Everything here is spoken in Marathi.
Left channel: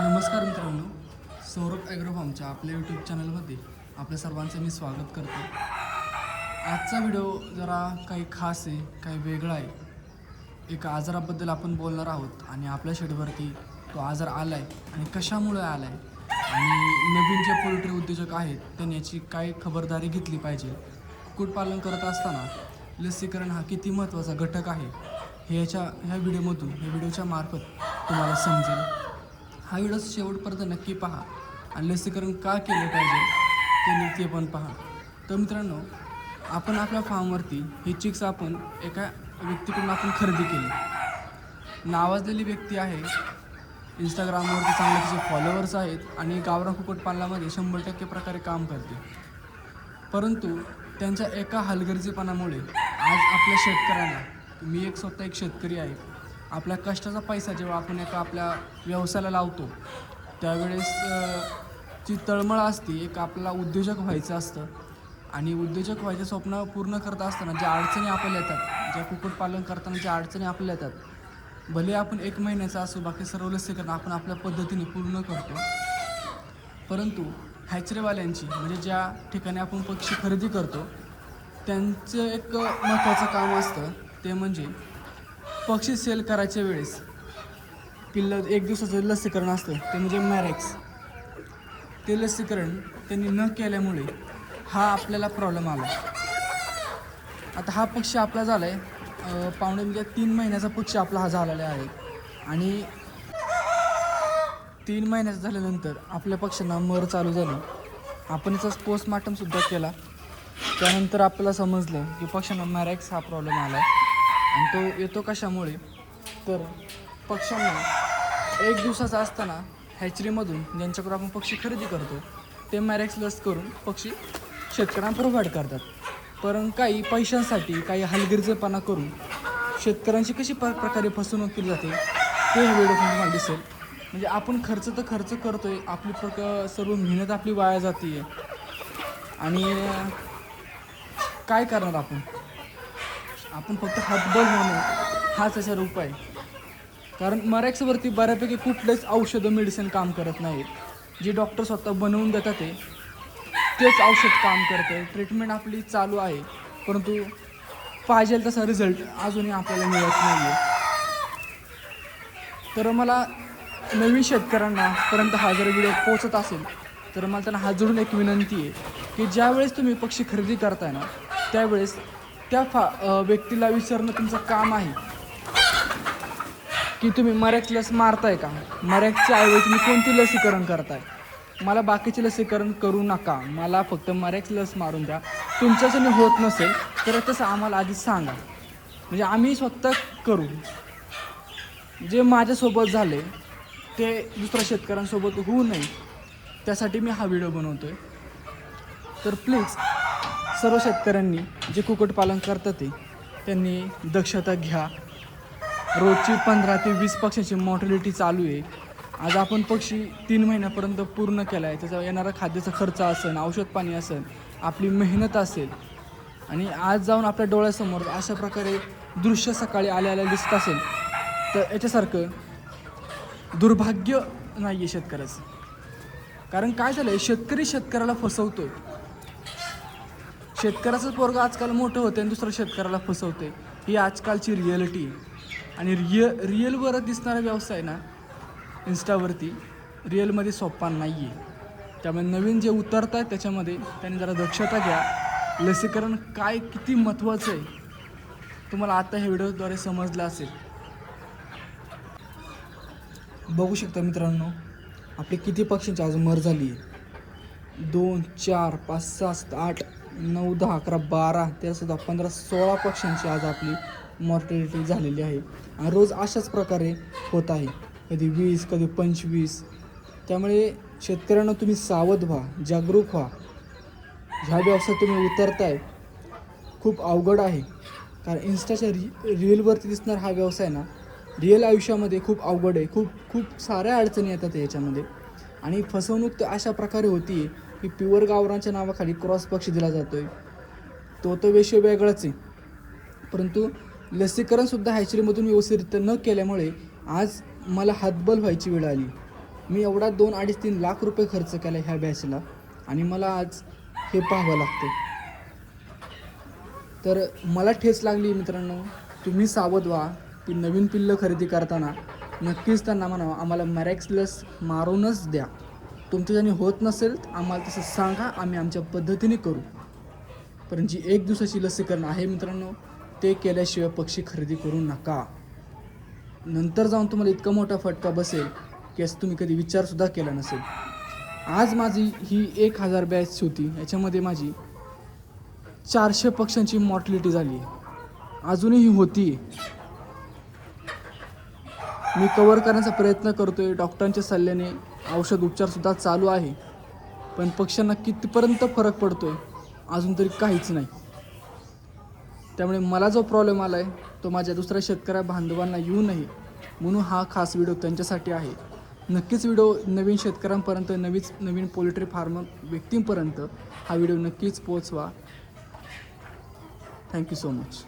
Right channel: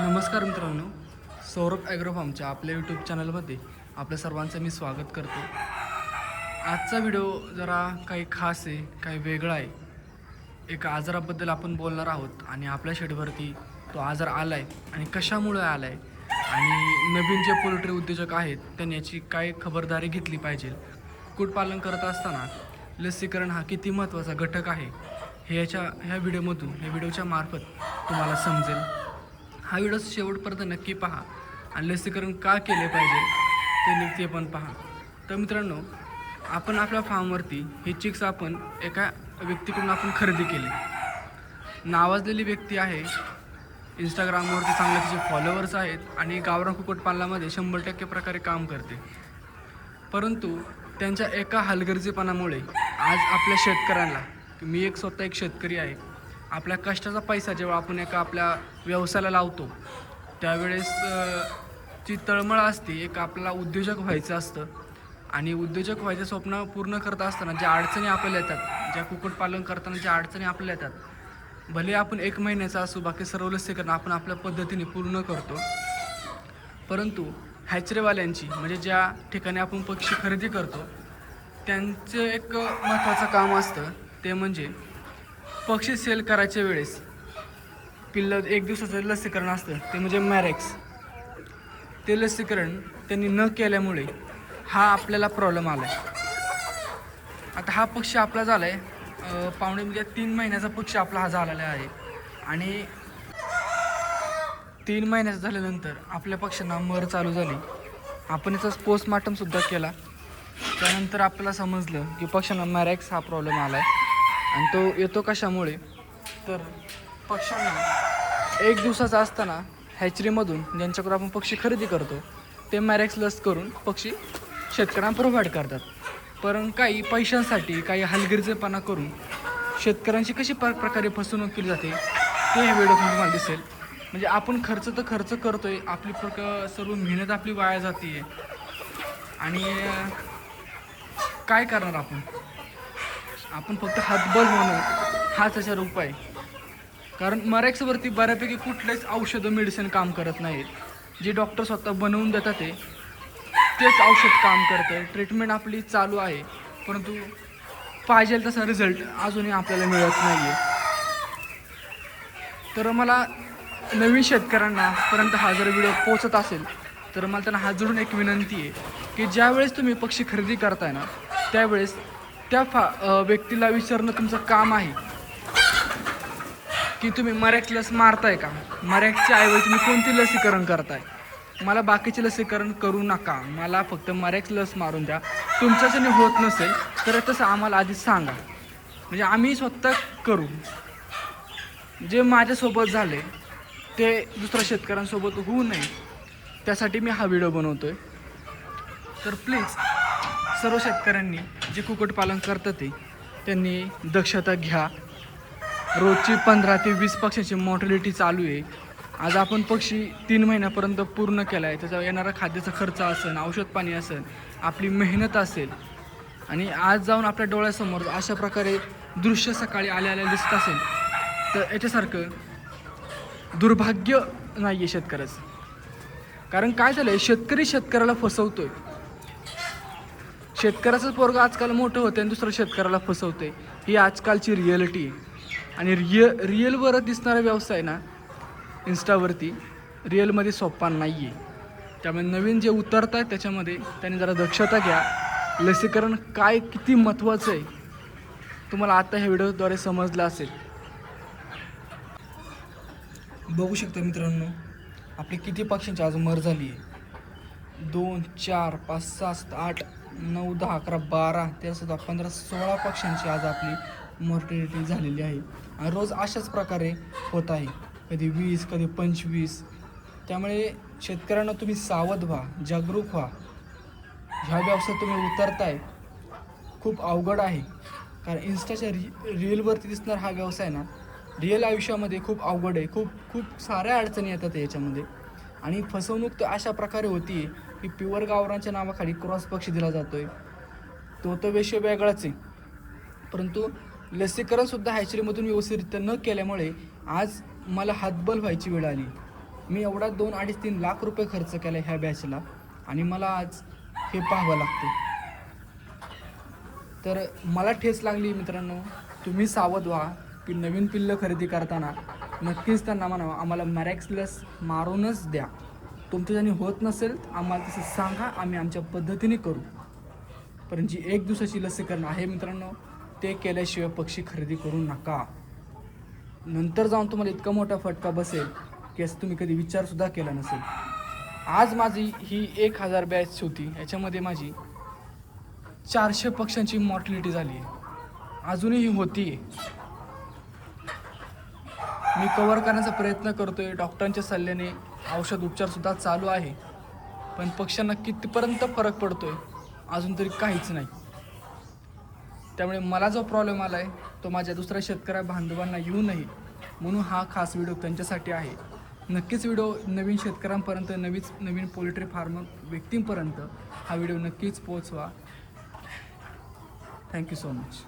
नमस्कार मित्रांनो, सौरभ ॲग्रो फार्मच्या आपल्या यूट्यूब चॅनलमध्ये आपल्या सर्वांचं मी स्वागत करतो. आजचा व्हिडिओ जरा काही खास आहे, काही वेगळा आहे. एक आजाराबद्दल आपण बोलणार आहोत आणि आपल्या शेडवरती तो आजार आला आहे आणि कशामुळे आला आहे आणि नवीन जे पोल्ट्री उद्योजक आहेत त्यांनी याची काय खबरदारी घेतली पाहिजे. कुक्कुटपालन करत असताना लसीकरण हा किती महत्त्वाचा घटक आहे हे ह्या व्हिडिओच्या मार्फत तुम्हाला समजेल. हा व्हिडिओ शेवटपर्यंत नक्की पहा आणि लसीकरण का केले पाहिजे ते पण पहा. तर मित्रांनो, आपण आपल्या फार्मवरती हे चिक्स आपण एका व्यक्तीकडून आपण खरेदी केले. नावाजलेली व्यक्ती आहे, इंस्टाग्रामवरती चांगले तिचे फॉलोअर्स आहेत आणि गावरान कुक्कुटपालनामध्ये 100% प्रकारे काम करते. परंतु त्यांच्या एका हलगर्जीपणामुळे आज आपल्या शेतकऱ्यांना, मी स्वतः एक शेतकरी आहे, आपल्या कष्टाचा पैसा जेव्हा आपण एका आपल्या व्यवसायाला लावतो त्यावेळेस ची तळमळ असते. एक आपल्याला उद्योजक व्हायचं असतं आणि उद्योजक व्हायचं स्वप्न पूर्ण करत असताना ज्या अडचणी आपल्याला येतात, ज्या कुक्कुटपालन करताना ज्या अडचणी आपल्याला येतात, भले आपण 1 महिन्याचा असू, बाकी सर्व लसीकरण आपण आपल्या पद्धतीने पूर्ण करतो. परंतु हॅचरीवाल्यांची म्हणजे ज्या ठिकाणी आपण पक्षी खरेदी करतो त्यांचं एक महत्त्वाचं काम असतं, ते म्हणजे पक्षी सेल करायच्या वेळेस पिल्लं 1 दिवसाचं लसीकरण असतं, ते म्हणजे मॅरेक्स. ते लसीकरण त्यांनी न केल्यामुळे हा आपल्याला प्रॉब्लेम आला आहे. आता हा पक्षी आपला झाला आहे पावणे म्हणजे 3 महिन्याचा पक्षी आपला हा झालेला आहे आणि 3 महिन्याचा झाल्यानंतर आपल्या पक्ष्यांना मर चालू झाली. आपण याचा पोस्टमार्टमसुद्धा केला. त्यानंतर आपल्याला समजलं की पक्ष्यांना मॅरेक्स हा प्रॉब्लेम आला आहे आणि तो येतो कशामुळे, तर पक्ष्यांना 1 दिवसाचा असताना हॅचरीमधून ज्यांच्याकडून आपण पक्षी खरेदी करतो ते मॅरेक्स लस करून पक्षी शेतकऱ्यांना प्रोव्हाइड करतात. पण काही पैशांसाठी काही हलगर्जीपणा करून शेतकऱ्यांची कशी प्रकारे फसवणूक केली जाते ते हे व्हिडिओ तुम्हाला दिसेल. म्हणजे आपण खर्च करतो आहे, आपली सर्व मेहनत आपली वाया जाते आहे आणि काय करणार आपण फक्त हातबल होणं हाच त्याचा उपाय. कारण मॅरेक्सवरती बऱ्यापैकी कुठलेच औषधं मेडिसिन काम करत नाहीत. जे डॉक्टर स्वतः बनवून देतात तेच औषध काम करतं. ट्रीटमेंट आपली चालू आहे, परंतु पाहिजे तसा रिझल्ट अजूनही आपल्याला मिळत नाही आहे. तर मला नवीन शेतकऱ्यांनापर्यंत हा जर व्हिडिओ पोचत असेल तर मला त्यांना हात जोडून एक विनंती आहे की ज्यावेळेस तुम्ही पक्षी खरेदी करताय ना, त्यावेळेस त्या व्यक्तीला विचारणं तुमचं काम आहे की तुम्ही मॅरेक्स लस मारताय का, मॅरेक्सच्या ऐवजी तुम्ही कोणती लसीकरण करताय. मला बाकीचे लसीकरण करू नका, मला फक्त मॅरेक्स लस मारून द्या. तुमच्याच्याने होत नसेल तर तसं आम्हाला आधी सांगा, म्हणजे आम्ही स्वतः करू. जे माझ्यासोबत झाले ते दुसऱ्या शेतकऱ्यांसोबत होऊ नये त्यासाठी मी हा व्हिडिओ बनवतो आहे. तर प्लीज सर्व शेतकऱ्यांनी जे कुक्कुटपालन करतात त्यांनी दक्षता घ्या. रोजची 15 ते 20 पक्ष्यांची मॉर्टॅलिटी चालू आहे. आज आपण पक्षी 3 महिन्यापर्यंत पूर्ण केला आहे. त्याचा येणारा खाद्याचा खर्च असेल, औषध पाणी असेल, आपली मेहनत असेल आणि आज जाऊन आपल्या डोळ्यासमोर अशा प्रकारे दृश्य सकाळी आल्या दिसत असेल तर याच्यासारखं दुर्भाग्य नाही आहे शेतकऱ्याचं. कारण काय झालं आहे, शेतकरी शेतकऱ्याला फसवतोय. शेतकऱ्याचं पोरगं आजकाल मोठं होतं आणि दुसरं शेतकऱ्याला फसवते, ही आजकालची रिॲलिटी आहे. आणि रिअलवर दिसणारा व्यवसाय ना इन्स्टावरती रिअलमध्ये सोपा नाही आहे. त्यामुळे नवीन जे उतरत आहेत त्याच्यामध्ये त्यांनी जरा दक्षता घ्या. लसीकरण काय किती महत्त्वाचं आहे तुम्हाला आता ह्या व्हिडिओद्वारे समजलं असेल. बघू शकता मित्रांनो, आपली किती पक्ष्यांची आज मर झाली आहे. 2 4 5 6 7 8 9 10 11 12 13 15 16 पक्ष्यांची आज आपली मॉर्टॅलिटी झालेली आहे. आणि रोज अशाच प्रकारे होत आहे, कधी 20 कधी 25. त्यामुळे शेतकऱ्यांना तुम्ही सावध व्हा, जागरूक व्हा. ह्या व्यवसायात तुम्ही उतरताय खूप अवघड आहे. कारण इन्स्टाच्या रीलवरती दिसणार हा व्यवसाय ना रिअल आयुष्यामध्ये खूप अवघड आहे. खूप साऱ्या अडचणी येतात याच्यामध्ये. आणि फसवणूक तर अशा प्रकारे होती आहे की प्युअर गावरांच्या नावाखाली क्रॉस पक्षी दिला जातो आहे. तो तर विषय वेगळाच आहे, परंतु लसीकरणसुद्धा हॅचरीमधून व्यवस्थितरित्या न केल्यामुळे आज मला हातबल व्हायची वेळ आली. मी एवढा 2-2.5-3 लाख रुपये खर्च केले ह्या बॅचला आणि मला आज हे पाहावं लागतं. तर मला ठेच लागली मित्रांनो. तुम्ही सावध व्हा की नवीन पिल्लं खरेदी करताना नक्कीच त्यांना म्हणा आम्हाला मॅरेक्स लस मारूनच द्या. तुमच्या ज्याने होत नसेल आम्हाला तसं सांगा, आम्ही आमच्या पद्धतीने करू. पण जी 1 दिवसाची लसीकरण आहे मित्रांनो, ते केल्याशिवाय पक्षी खरेदी करू नका. नंतर जाऊन तुम्हाला इतका मोठा फटका बसेल की असं तुम्ही कधी विचारसुद्धा केला नसेल. आज माझी ही 1000 बॅच होती, याच्यामध्ये माझी 400 पक्ष्यांची मॉर्टॅलिटी झाली आहे, अजूनही होती. मी कव्हर करण्याचा प्रयत्न करतोय, डॉक्टरांच्या सल्ल्याने औषध उपचारसुद्धा चालू आहे, पण पक्ष्यांना कितीपर्यंत फरक पडतोय अजून तरी काहीच नाही. त्यामुळे मला जो प्रॉब्लेम आला आहे तो माझ्या दुसऱ्या शेतकऱ्या बांधवांना येऊ नये म्हणून हा खास व्हिडिओ त्यांच्यासाठी आहे. नक्कीच व्हिडिओ नवीन शेतकऱ्यांपर्यंत, नवीन पोल्ट्री फार्म व्यक्तींपर्यंत हा व्हिडिओ नक्कीच पोहोचवा. Thank you so much.